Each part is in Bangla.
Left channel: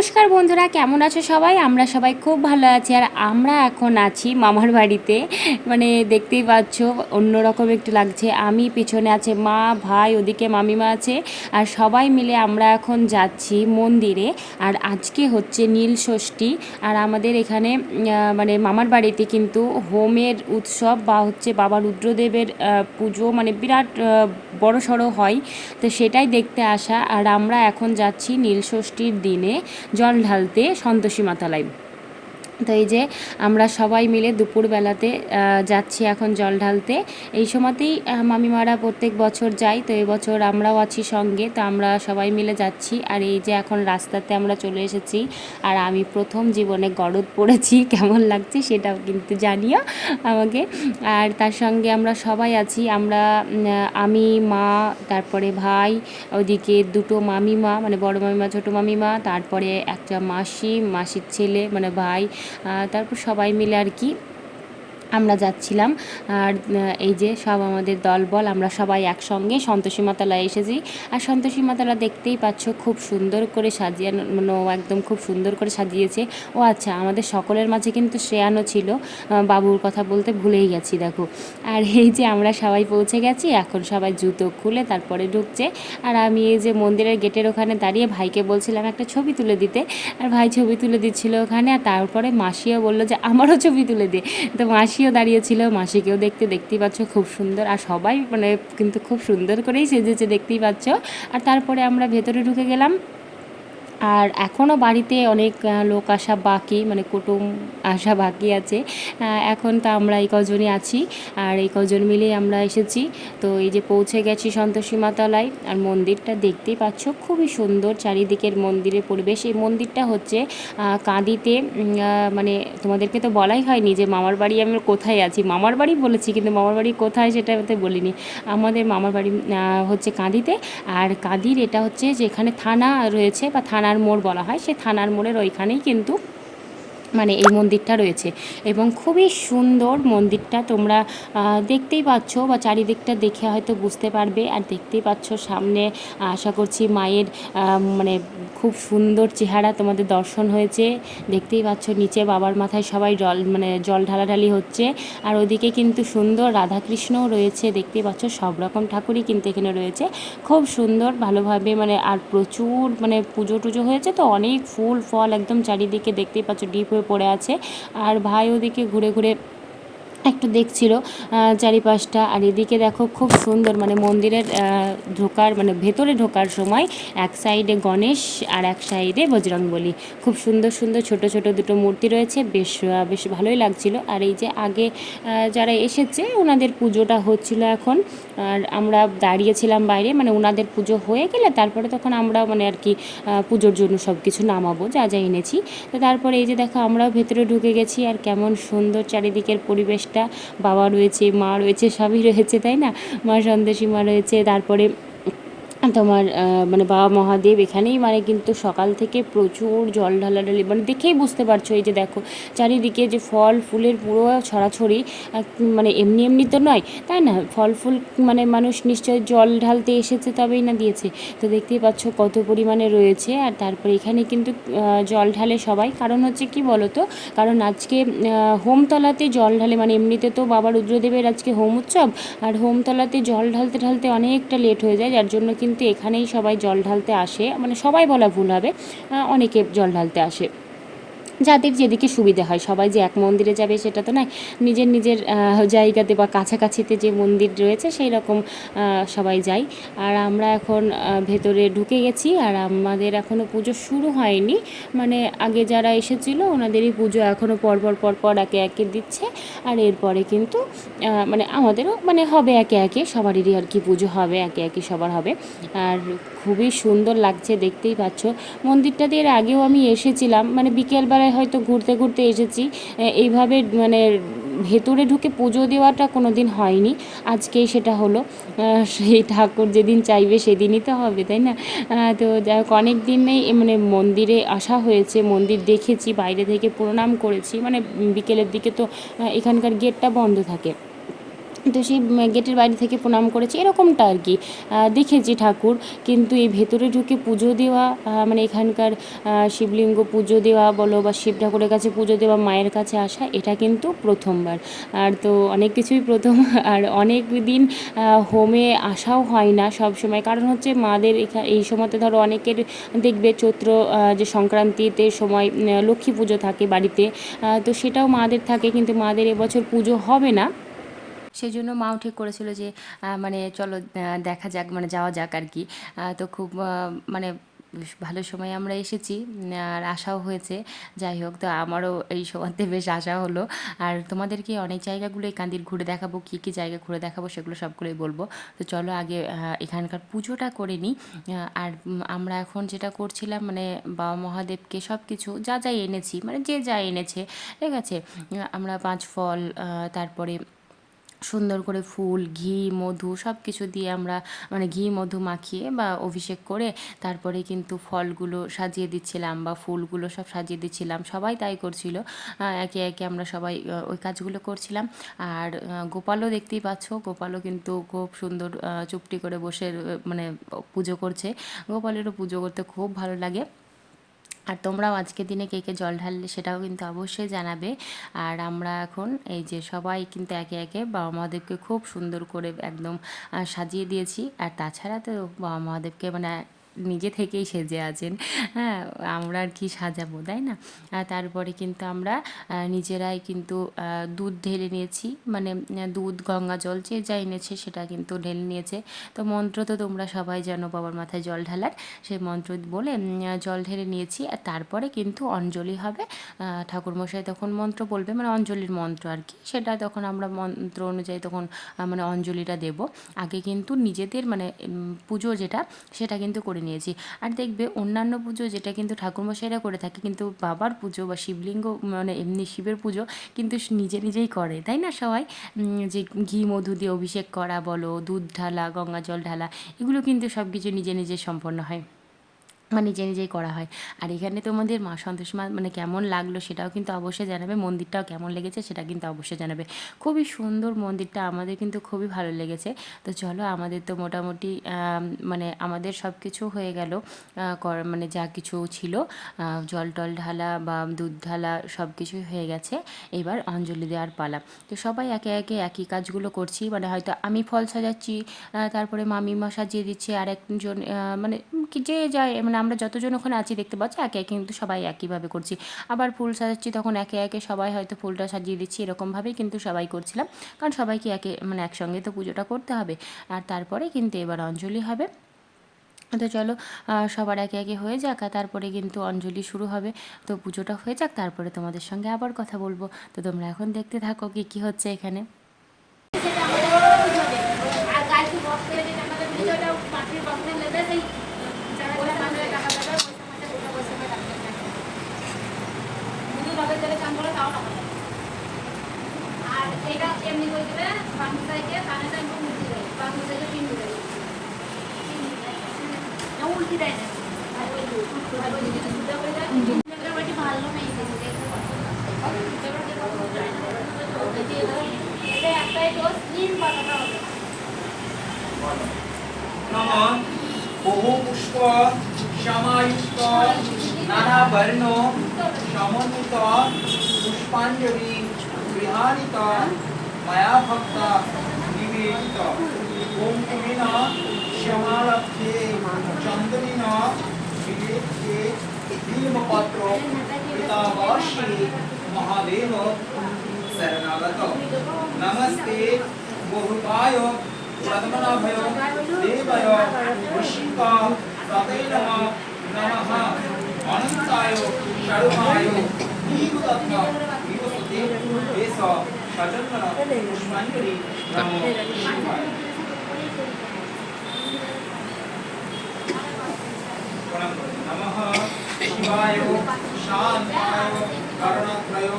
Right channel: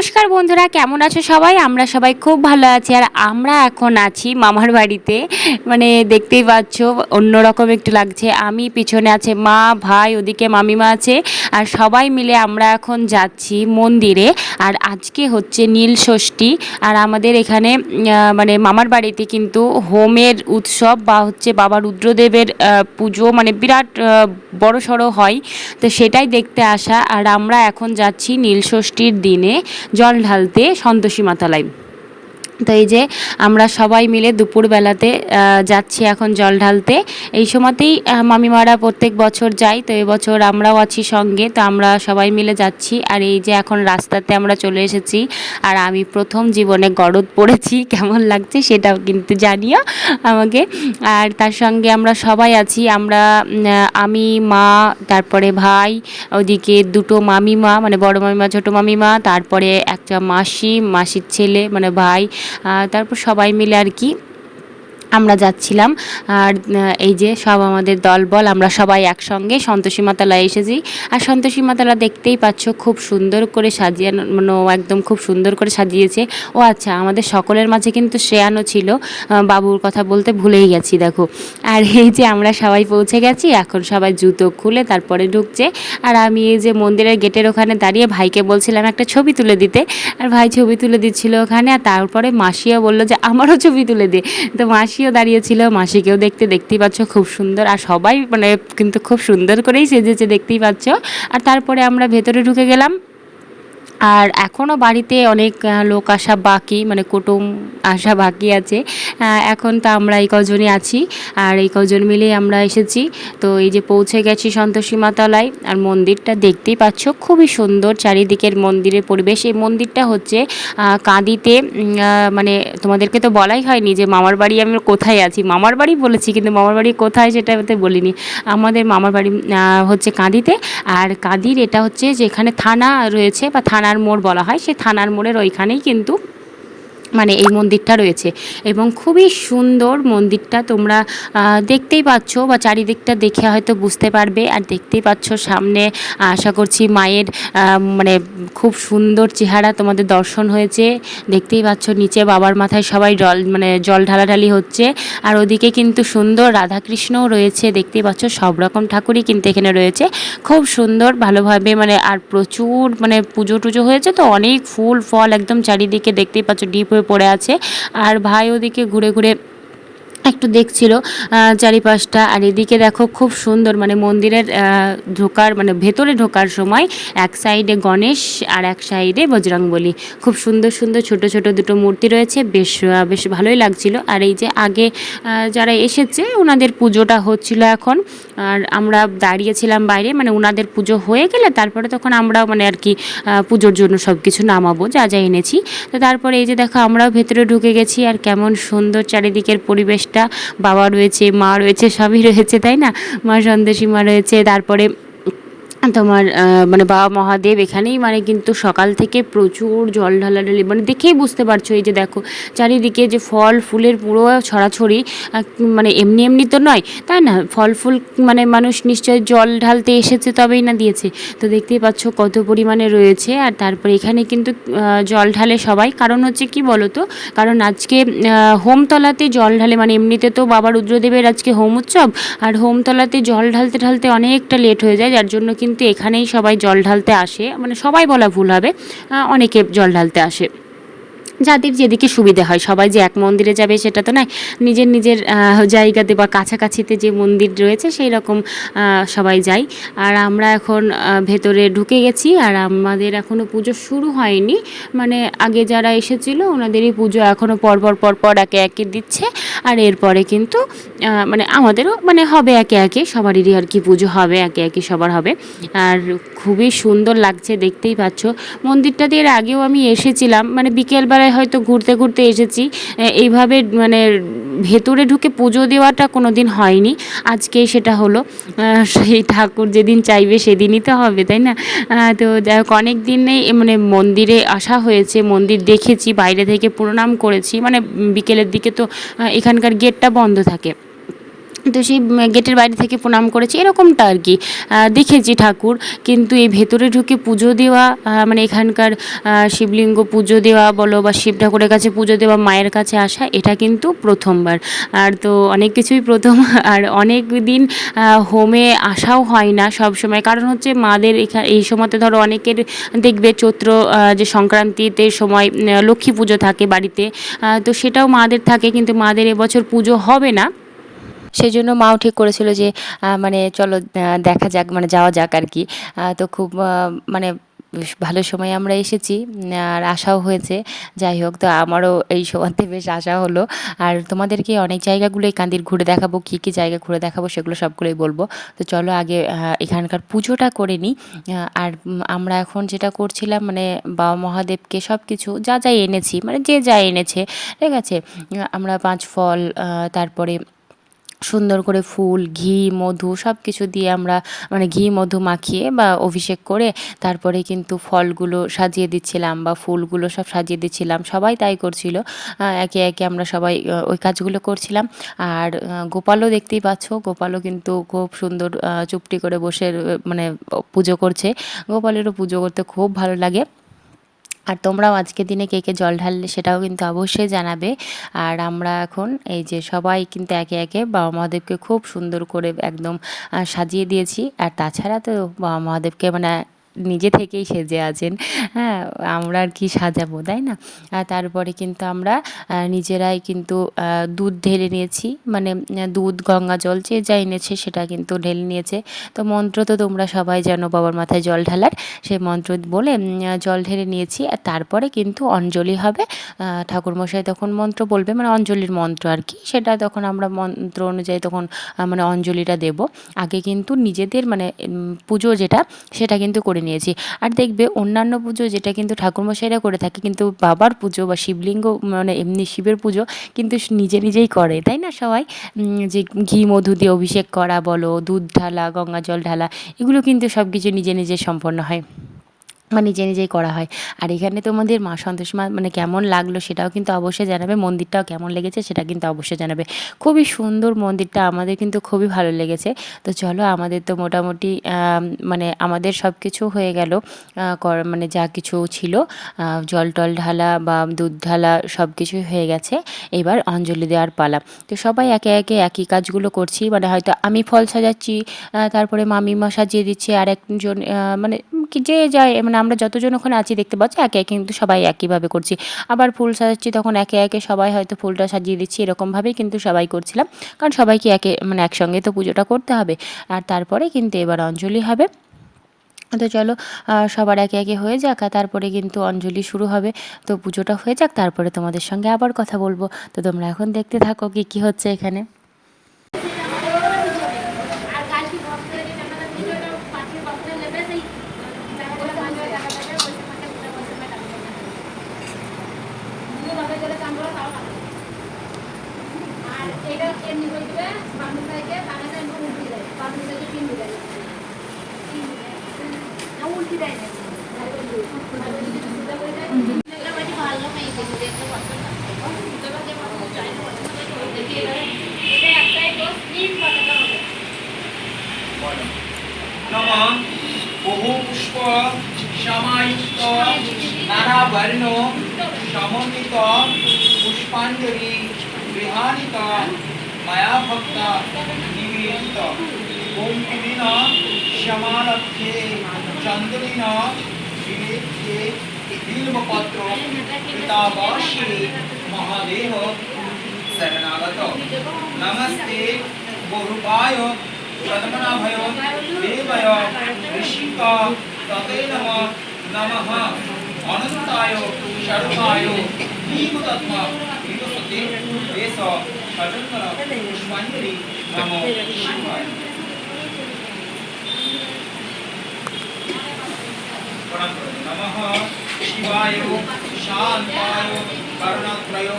নমস্কার বন্ধুরা, কেমন আছো সবাই? আমরা সবাই খুব ভালো আছি। আর আমরা এখন আছি মামার বাড়িতে। মানে দেখতেই পাচ্ছ, অন্যরকম একটু লাগছে। আমি পিছনে আছে মা, ভাই, ওদিকে মামিমা আছে। আর সবাই মিলে আমরা এখন যাচ্ছি মন্দিরে। আর আজকে হচ্ছে নীল ষষ্ঠী। আর আমাদের এখানে মানে মামার বাড়িতে কিন্তু হোমের উৎসব বা হচ্ছে বাবা রুদ্রদেবের পুজো মানে বিরাট বড় সড়ো হয়। তো সেটাই দেখতে আসা। আর আমরা এখন যাচ্ছি নীলষষ্ঠীর দিনে। জল ঢালতে সন্তোষী মাতালায় তো এই যে আমরা সবাই মিলে দুপুরবেলাতে যাচ্ছি এখন জল ঢালতে। এই সময়তেই মামিমারা প্রত্যেক বছর যাই তো এবছর আমরাও আছি সঙ্গে, তো আমরা সবাই মিলে যাচ্ছি। আর এই যে এখন রাস্তাতে আমরা চলে এসেছি, আর আমি প্রথম জীবনে গরদ পড়েছি কেমন লাগছে সেটাও কিন্তু জানিও আমাকে। আর তার সঙ্গে আমরা সবাই আছি, আমরা আমি, মা, তারপরে ভাই, ওদিকে দুটো মামিমা মানে বড় মামিমা, ছোট মামিমা, তারপরে একটা মাসি, মাসির ছেলে মানে ভাই তারপর সবাই মিলে আর কি আমরা যাচ্ছিলাম। আর এই যে সব আমাদের দলবল আমরা সবাই একসঙ্গে সন্তোষী মাতালায় এসেছি। আর সন্তোষী মাতালা দেখতেই পাচ্ছ খুব সুন্দর করে সাজিয়ে মানে একদম খুব সুন্দর করে সাজিয়েছে। ও আচ্ছা আমাদের সকলের মাঝে কিন্তু শ্রেয়ানও ছিল। বাবুর কথা বলতে ভুলেই গেছি, দেখো। আর এই যে আমরা সবাই পৌঁছে গেছি, এখন সবাই জুতো খুলে তারপরে ঢুকছে। আর আমি এই যে মন্দিরের গেটের ওখানে দাঁড়িয়ে ভাইকে বলছিলাম একটা ছবি তুলে দিতে। আর ভাই ছবি তুলে দিচ্ছিল ওখানে, আর তারপরে মাসিও বলল যে, আমারও ছবি তুলে দে। তো মাসিও দাঁড়িয়েছিল, মাসিকেও দেখতে, দেখতেই পাচ্ছ খুব সুন্দর। আর সবাই মানে কিন্তু খুব সুন্দর করেই সেজেছে, দেখতেই পাচ্ছ। আর তারপরে আমরা ভেতরে ঢুকে গেলাম। আর এখনও বাড়িতে অনেক লোক আসা বাকি মানে কুটুম আসা বাকি আছে। এখন তো আমরা এই কজনই আছি, আর এই কজন মিলেই আমরা এসেছি। তো এই যে পৌঁছে গেছি সন্তোষী মাতালায়, আর মন্দিরটা দেখতেই পাচ্ছ, খুবই সুন্দর চারিদিকের মন্দিরের পরিবেশ। এই মন্দিরটা হচ্ছে কাঁদিতে মানে তোমাদেরকে তো বলাই হয়নি যে মামার বাড়ি আমি কোথায় আছি। মামার বাড়ি বলেছি, কিন্তু মামার বাড়ি কোথায় সেটা বলিনি। আমাদের মামার বাড়ি হচ্ছে কাঁদিতে, আর কাঁদির এটা হচ্ছে যেখানে থানা রয়েছে, বা থানার মোড় বলা হয় সেই থানার মোড়ের ওইখানেই কিন্তু মানে এই মন্দিরটা রয়েছে। এবং খুবই সুন্দর মন্দিরটা তোমরা দেখতেই পাচ্ছ বা চারিদিকটা দেখে হয়তো বুঝতে পারবে। আর দেখতেই পাচ্ছ সামনে, আশা করছি মায়ের মানে খুব সুন্দর চেহারা তোমাদের দর্শন হয়েছে। দেখতেই পাচ্ছ নিচে বাবার মাথায় সবাই জল মানে জল ঢালাঢালি হচ্ছে। আর ওদিকে কিন্তু সুন্দর রাধাকৃষ্ণও রয়েছে। দেখতেই পাচ্ছ সব রকম ঠাকুরই কিন্তু এখানে রয়েছে। খুব সুন্দর ভালোভাবে মানে আর প্রচুর মানে পুজো টুজো হয়েছে তো। অনেক ফুল, ফল একদম চারিদিকে দেখতেই পাচ্ছ ডিপ পড়ে আছে। আর ভাই ওদিকে ঘুরে ঘুরে একটু দেখছিল চারিপাশটা। আর এদিকে দেখো খুব সুন্দর মানে মন্দিরের ঢোকার মানে ভেতরে ঢোকার সময় এক সাইডে গণেশ আর এক সাইডে বজরংবলী। খুব সুন্দর সুন্দর ছোট ছোট দুটো মূর্তি রয়েছে, বেশ বেশ ভালোই লাগছিল। আর এই যে আগে যারা এসেছে ওনাদের পুজোটা হচ্ছিল এখন। আর আমরা দাঁড়িয়েছিলাম বাইরে মানে ওনাদের পুজো হয়ে গেলে তারপরে তখন আমরাও মানে আর কি পুজোর জন্য সব কিছু নামাবো, যা যা এনেছি। তো তারপরে এই যে দেখো আমরাও ভেতরে ঢুকে গেছি, আর কেমন সুন্দর চারিদিকের পরিবেশটা বাবা রয়েছে মা রয়েছে সবই রয়েছে তাই না? মা সন্দেশী মা রয়েছে তারপরে তোমার মানে বাবা মহাদেব এখানেই মানে কিন্তু সকাল থেকে প্রচুর জল ঢালাঢালি মানে দেখেই বুঝতে পারছ এই যে দেখো, চারিদিকে যে ফল ফুলের পুরো ছড়াছড়ি মানে এমনি এমনি তো নয়, তাই না? ফল ফুল মানে মানুষ নিশ্চয় জল ঢালতে এসেছে তবেই না দিয়েছে। তো দেখতেই পাচ্ছ কত পরিমাণে রয়েছে, আর তারপরে এখানে কিন্তু জল ঢালে সবাই। কারণ হচ্ছে কি বলো তো কারণ আজকে হোমতলাতে জল ঢালে মানে এমনিতে তো বাবা রুদ্রদেবের আজকে হোম উৎসব, আর হোমতলাতে জল ঢালতে ঢালতে অনেকটা লেট হয়ে যায়, যার জন্য কিন্তু এখানেই সবাই জল ঢালতে আসে মানে সবাই বলা ভুল হবে অনেকে জল ঢালতে আসে। যাদের যেদিকে সুবিধে হয়। সবাই যে এক মন্দিরে যাবে সেটা তো নয়। নিজের নিজের জায়গাতে বা কাছাকাছিতে যে মন্দির রয়েছে সেই রকম সবাই যাই আর আমরা এখন ভেতরে ঢুকে গেছি আর আমাদের এখনও পুজো শুরু হয়নি। মানে আগে যারা এসেছিল ওনাদেরই পুজো এখনও পরপর পরপর একে একে দিচ্ছে। আর এরপরে কিন্তু মানে আমাদেরও মানে হবে একে একে, সবারই আর কি পুজো হবে, একে একে সবার হবে। আর খুবই সুন্দর লাগছে, দেখতেই পাচ্ছ। মন্দিরটাতে এর আগেও আমি এসেছিলাম। মানে বিকেলবেলায় হয়তো ঘুরতে ঘুরতে এসেছি। এইভাবে মানে ভেতরে ঢুকে পুজো দেওয়াটা কোনো দিন হয়নি। আজকেই সেটা হলো। সেই ঠাকুর যেদিন চাইবে সেদিনই তো হবে, তাই না? তো যাই হোক অনেক দিনেই মানে মন্দিরে আসা হয়েছে। মন্দির দেখেছি, বাইরে থেকে প্রণাম করেছি। মানে বিকেলের দিকে তো এখানকার গেটটা বন্ধ থাকে। তো সেই গেটের বাইরে থেকে প্রণাম করেছি, এরকমটা আর কি। দেখেছি ঠাকুর, কিন্তু এই ভেতরে ঢুকে পুজো দেওয়া মানে এখানকার শিবলিঙ্গ পুজো দেওয়া বলো বা শিব ঠাকুরের কাছে পুজো দেওয়া, মায়ের কাছে আসা, এটা কিন্তু প্রথমবার। আর তো অনেক কিছুই প্রথম, আর অনেক দিন হোমে আসাও হয় না সব সময়। কারণ হচ্ছে মাদের এখা- এই সময়তে ধরো অনেকের দেখবে চৈত্র যে সংক্রান্তিতে সময় লক্ষ্মী পুজো থাকে বাড়িতে তো সেটাও মাদের থাকে, কিন্তু মাদের এবছর পুজো হবে না। সেই জন্য মাও ঠিক করেছিল যে মানে চলো দেখা যাক মানে যাওয়া যাক আর কি। তো খুব মানে ভালো সময় আমরা এসেছি, আর আশাও হয়েছে। যাই হোক, তো আমারও এই সময়তে বেশ আশা হলো। আর তোমাদেরকে অনেক জায়গাগুলোই কান্দির ঘুরে দেখাবো, কী কী জায়গা ঘুরে দেখাবো সেগুলো সবগুলোই বলব। তো চলো আগে এখানকার পুজোটা করে নিই। আর আমরা এখন যেটা করছিলাম মানে বাবা মহাদেবকে সব কিছু যা যা এনেছি মানে যে যা এনেছে, ঠিক আছে? আমরা পাঁচ ফল তারপরে সুন্দর করে ফুল, ঘি, মধু সব কিছু দিয়ে আমরা মানে ঘি, মধু মাখিয়ে বা অভিষেক করে তারপরে কিন্তু ফলগুলো সাজিয়ে দিচ্ছিলাম বা ফুলগুলো সব সাজিয়ে দিচ্ছিলাম। সবাই তাই করছিল। একে একে আমরা সবাই ওই কাজগুলো করছিলাম। আর গোপালও দেখতেই পাচ্ছ, গোপালও কিন্তু খুব সুন্দর চুপটি করে বসে মানে পুজো করছে। গোপালেরও পুজো করতে খুব ভালো লাগে। আর তোমরাও আজকের দিনে কে কে জল ঢাললে সেটাও কিন্তু অবশ্যই জানাবে। আর আমরা এখন এই যে সবাই কিন্তু একে একে বাবা মহাদেবকে খুব সুন্দর করে একদম সাজিয়ে দিয়েছি। আর তাছাড়া তো বাবা মহাদেবকে মানে নিজে থেকেই সেজে আছেন। হ্যাঁ আমরা আর কি সাজাবো, তাই না? তারপরে কিন্তু আমরা নিজেরাই কিন্তু দুধ ঢেলে নিয়েছি। মানে দুধ, গঙ্গা জল যে যা এনেছে সেটা কিন্তু ঢেলে নিয়েছে। তো মন্ত্র তো তোমরা সবাই জানো, বাবার মাথায় জল ঢালার। সেই মন্ত্র বলে জল ঢেলে নিয়েছি। আর তারপরে কিন্তু অঞ্জলি হবে। ঠাকুরমশাই তখন মন্ত্র বলবে মানে অঞ্জলির মন্ত্র আর কি। সেটা তখন আমরা মন্ত্র অনুযায়ী তখন মানে অঞ্জলিটা দেব। আগে কিন্তু নিজেদের মানে পুজো যেটা, সেটা কিন্তু করে নিয়েছি। আর দেখবে অন্যান্য পুজো যেটা কিন্তু ঠাকুরমশাইরা করে থাকে কিন্তু বাবার পুজো বা শিবলিঙ্গ মানে এমনি শিবের পুজো কিন্তু নিজে নিজেই করে, তাই না সবাই? যে ঘি, মধু দিয়ে অভিষেক করা বলো, দুধ ঢালা, গঙ্গা জল ঢালা, এগুলো কিন্তু সব কিছু নিজে নিজে সম্পন্ন হয়। বা নিজে নিজেই করা হয়। আর এখানে তোমাদের মা সন্তোষ মা মানে কেমন লাগল সেটাও কিন্তু অবশ্যই জানাবে, মন্দিরটাও কেমন লেগেছে সেটা কিন্তু অবশ্যই জানাবে। খুবই সুন্দর মন্দিরটা, আমাদের কিন্তু খুবই ভালো লেগেছে। তো চলো আমাদের তো মোটামুটি মানে আমাদের সব কিছু হয়ে গেল। মানে যা কিছু ছিল জল টল ঢালা বা দুধ ঢালা সব কিছুই হয়ে গেছে। এবার অঞ্জলি দেওয়ার পালা। তো সবাই একে একে একই কাজগুলো করছি মানে হয়তো আমি ফল সাজাচ্ছি তারপরে মামিমা সাজিয়ে দিচ্ছে আর একজন মানে যে যায় মানে আমরা যতজন ওখানে আছি দেখতে পাচ্ছি, একে একে কিন্তু সবাই একইভাবে করছি। আবার ফুল সাজাচ্ছি তখন একে একে সবাই হয়তো ফুলটা সাজিয়ে দিচ্ছি, এরকমভাবেই কিন্তু সবাই করছিলাম। কারণ সবাইকে একে মানে একসঙ্গে তো পুজোটা করতে হবে। আর তারপরে কিন্তু এবার অঞ্জলি হবে। তো চলো সবার একে একে হয়ে যাক, আর তারপরে কিন্তু অঞ্জলি শুরু হবে। তো পুজোটা হয়ে যাক, তারপরে তোমাদের সঙ্গে আবার কথা বলব। তো তোমরা এখন দেখতে থাকো কি কি হচ্ছে এখানে। নম বহু পুষ্প সমায়ুক্ত নানা বর্ণ সমন্বিত পুষ্পাঞ্জলি গৃহাণিত মায়া ভক্ত নিবেদিত ওম কিমিন সমারভ্যে চন্দনিন বিবেক্যে বিল্বপত্র পিতাবাসী মহাদেব శరణాగతో నమస్తే గురుపాయో పద్మనాభయో దేవయో ఋషికా తతే నమ నమః అనంతాయో శర్మాయో నీకుతత్వ వినుసతే దేశ సజంగన పుష్పాంజలి నమో శివాయ नमः शिवाय शान्ताय कर्णत्रयो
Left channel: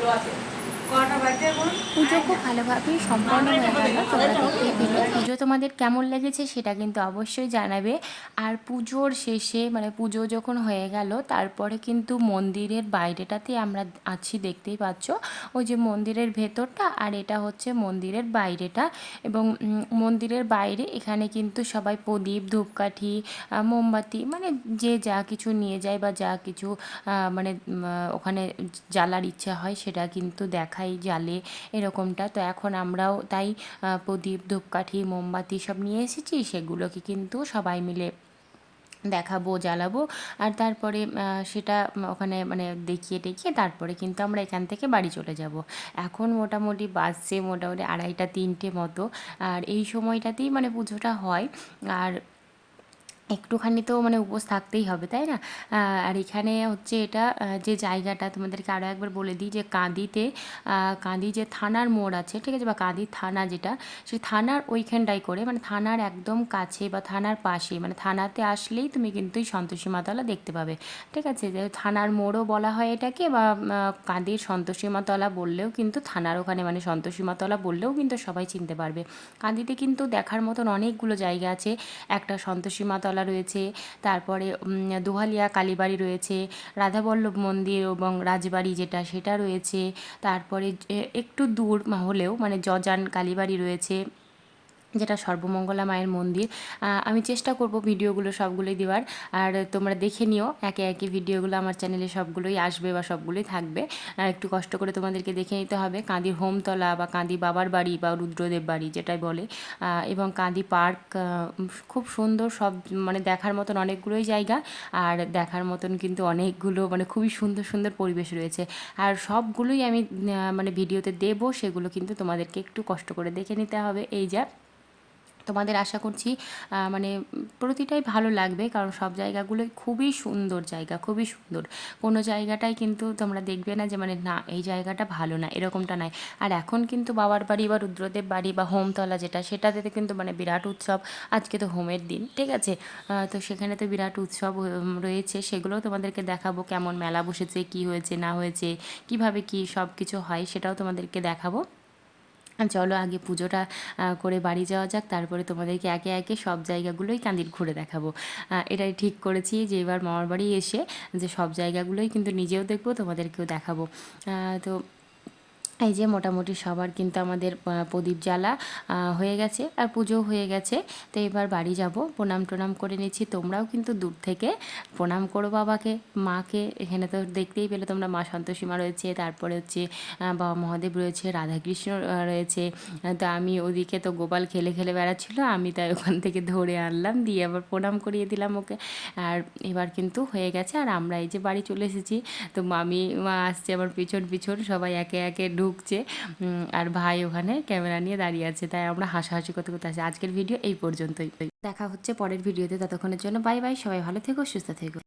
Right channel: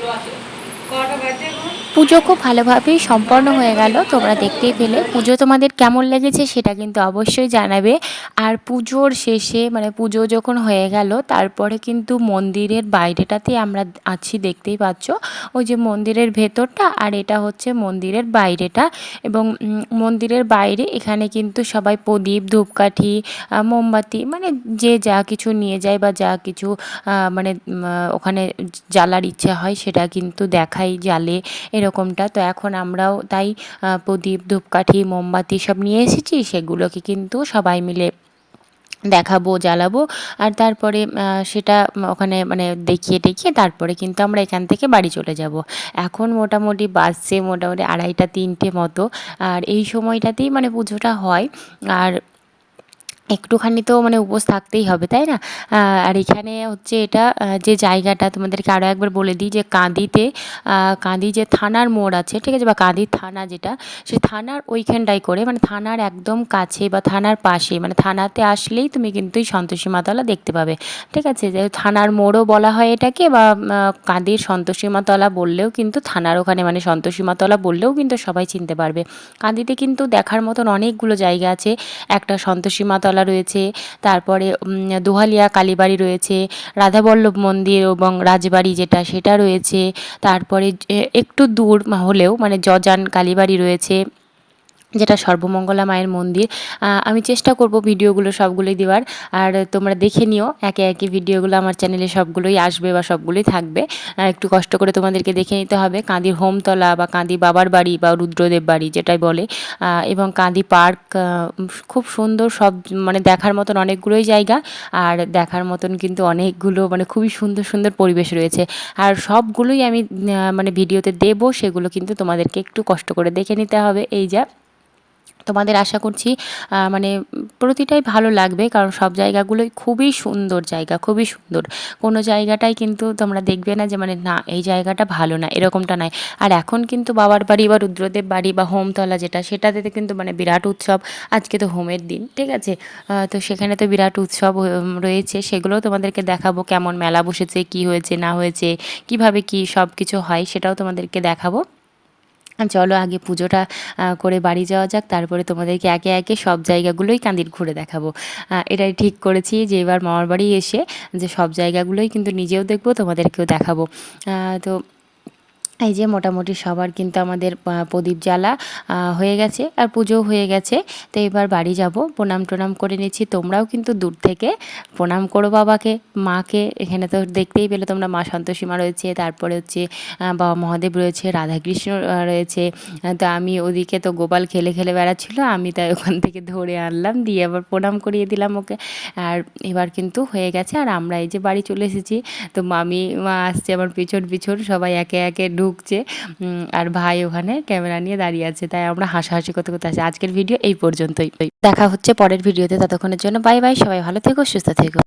পঙ্কজি পরমেশ্বর পুজো খুব ভালোভাবেই সম্পন্ন হয়ে গেল। তোমরা দেখতেই পেলে। পুজো তোমাদের কেমন লেগেছে সেটা কিন্তু অবশ্যই জানাবে। আর পুজোর শেষে মানে পুজো যখন হয়ে গেল, তারপরে কিন্তু মন্দিরের বাইরেটাতে আমরা আছি, দেখতেই পাচ্ছ। ওই যে মন্দিরের ভেতরটা আর এটা হচ্ছে মন্দিরের বাইরেটা। এবং মন্দিরের বাইরে এখানে কিন্তু সবাই প্রদীপ, ধূপকাঠি মোমবাতি মানে যে যা কিছু নিয়ে যায় বা যা কিছু মানে ওখানে জ্বালার ইচ্ছা হয় সেটা কিন্তু দেখাই জ্বালে এরকমটা। তো এখন আমরাও তাই প্রদীপ, ধূপকাঠি, মোমবাতি সব নিয়ে এসেছি, সেগুলোকে কিন্তু সবাই মিলে দেখাবো, জ্বালাবো। আর তারপরে সেটা ওখানে মানে দেখিয়ে টেকিয়ে তারপরে কিন্তু আমরা এখান থেকে বাড়ি চলে যাব। এখন মোটামুটি বাজছে মোটামুটি আড়াইটা, তিনটে মতো। আর এই সময়টাতেই মানে পুজোটা হয়। আর একটুখানি তো মানে উপোস থাকতেই হবে, তাই না? আর এখানে হচ্ছে এটা যে জায়গাটা তোমাদেরকে আরও একবার বলে দিই যে কাঁদিতে কাঁদি যে থানার মোড় আছে, ঠিক আছে? বা কাঁদির থানা যেটা সেই থানার ওইখানটাই করে মানে থানার একদম কাছে বা থানার পাশে মানে থানাতে আসলেই তুমি কিন্তু সন্তোষী মাতলা দেখতে পাবে, ঠিক আছে? যে থানার মোড়ও বলা হয় এটাকে, বা কাঁদির সন্তোষী মাতলা বললেও কিন্তু থানার ওখানে মানে সন্তোষী মাতলা বললেও কিন্তু সবাই চিনতে পারবে। কাঁদিতে কিন্তু দেখার মতন অনেকগুলো জায়গা আছে, একটা সন্তোষী মাতলা রয়েছে, তারপরে দোহালিয়া, কালীবাড়ি রয়েছে, রাধাবল্লভ মন্দির এবং রাজবাড়ি যেটা সেটা রয়েছে, তারপরে একটু দূর হলেও মানে জজান কালীবাড়ি রয়েছে। যেটা সর্বমঙ্গলা মায়ের মন্দির আমি চেষ্টা করব ভিডিওগুলো সবগুলোই দেওয়ার। আর তোমরা দেখে নিও, একে একে ভিডিওগুলো আমার চ্যানেলে সবগুলোই আসবে বা সবগুলোই থাকবে। একটু কষ্ট করে তোমাদেরকে দেখে নিতে হবে। কাঁদির হোমতলা বা কাঁদি বাবার বাড়ি বা রুদ্রদেব বাড়ি যেটাই বলে এবং কাঁদি পার্ক খুব সুন্দর সব মানে দেখার মতন অনেকগুলোই জায়গা। আর দেখার মতন কিন্তু অনেকগুলো মানে খুবই সুন্দর সুন্দর পরিবেশ রয়েছে। আর সবগুলোই আমি মানে ভিডিওতে দেবো, সেগুলো কিন্তু তোমাদেরকে একটু কষ্ট করে দেখে নিতে হবে। এই যা। তোমাদের আশা করছি মানে প্রতিটাই ভালো লাগবে, কারণ সব জায়গাগুলোই খুবই সুন্দর জায়গা, খুবই সুন্দর। কোনো জায়গাটাই কিন্তু তোমরা দেখবে না যে মানে না, এই জায়গাটা ভালো না, এরকমটা নয় আর এখন কিন্তু বাবার বাড়ি বা রুদ্রদেব বাড়ি বা হোমতলা যেটা, সেটাতে কিন্তু মানে বিরাট উৎসব, আজকে তো হোমের দিন, ঠিক আছে? তো সেখানে তো বিরাট উৎসব রয়েছে সেগুলোও তোমাদেরকে দেখাবো, কেমন মেলা বসেছে, কি হয়েছে, না হয়েছে, কীভাবে কি সব কিছু হয়, সেটাও তোমাদেরকে দেখাবো। চলো আগে পুজোটা করে বাড়ি যাওয়া যাক, তারপরে তোমাদেরকে একে একে সব জায়গাগুলোই কান্দির ঘুরে দেখাবো। এটাই ঠিক করেছি যে এবার মামার বাড়ি এসে যে সব জায়গাগুলোই কিন্তু নিজেও দেখব, তোমাদেরকেও দেখাবো। তো এই যে মোটামুটি সবার কিন্তু আমাদের প্রদীপ জ্বালা হয়ে গেছে আর পুজোও হয়ে গেছে। তো এবার বাড়ি যাব, প্রণাম টোনাম করে নিচ্ছি। তোমরাও কিন্তু দূর থেকে প্রণাম করো বাবাকে, মাকে। এখানে তো দেখতেই পেলে তোমরা, মা সন্তোষী মা রয়েছে, তারপরে হচ্ছে বাবা মহাদেব রয়েছে, রাধাকৃষ্ণ রয়েছে। তো আমি ওদিকে তো গোপাল খেলে খেলে বেড়াচ্ছিল, আমি তাই ওখান থেকে ধরে আনলাম, দিয়ে আবার প্রণাম করিয়ে দিলাম ওকে। আর এবার কিন্তু হয়ে গেছে, আর আমরা এই যে বাড়ি চলে এসেছি। তো মামি, মা আসছে আমার পিছন পিছন, সবাই একে একে ঢুকছে আর ভাই ওখানে ক্যামেরা নিয়ে দাঁড়িয়ে আছে, তাই আমরা হাসাহাসি করতে করতে আছি আজকের ভিডিও এই পর্যন্তই। দেখা হচ্ছে পরের ভিডিওতে, ততক্ষণের জন্য বাই বাই, সবাই ভালো থেকো, সুস্থ থেকো।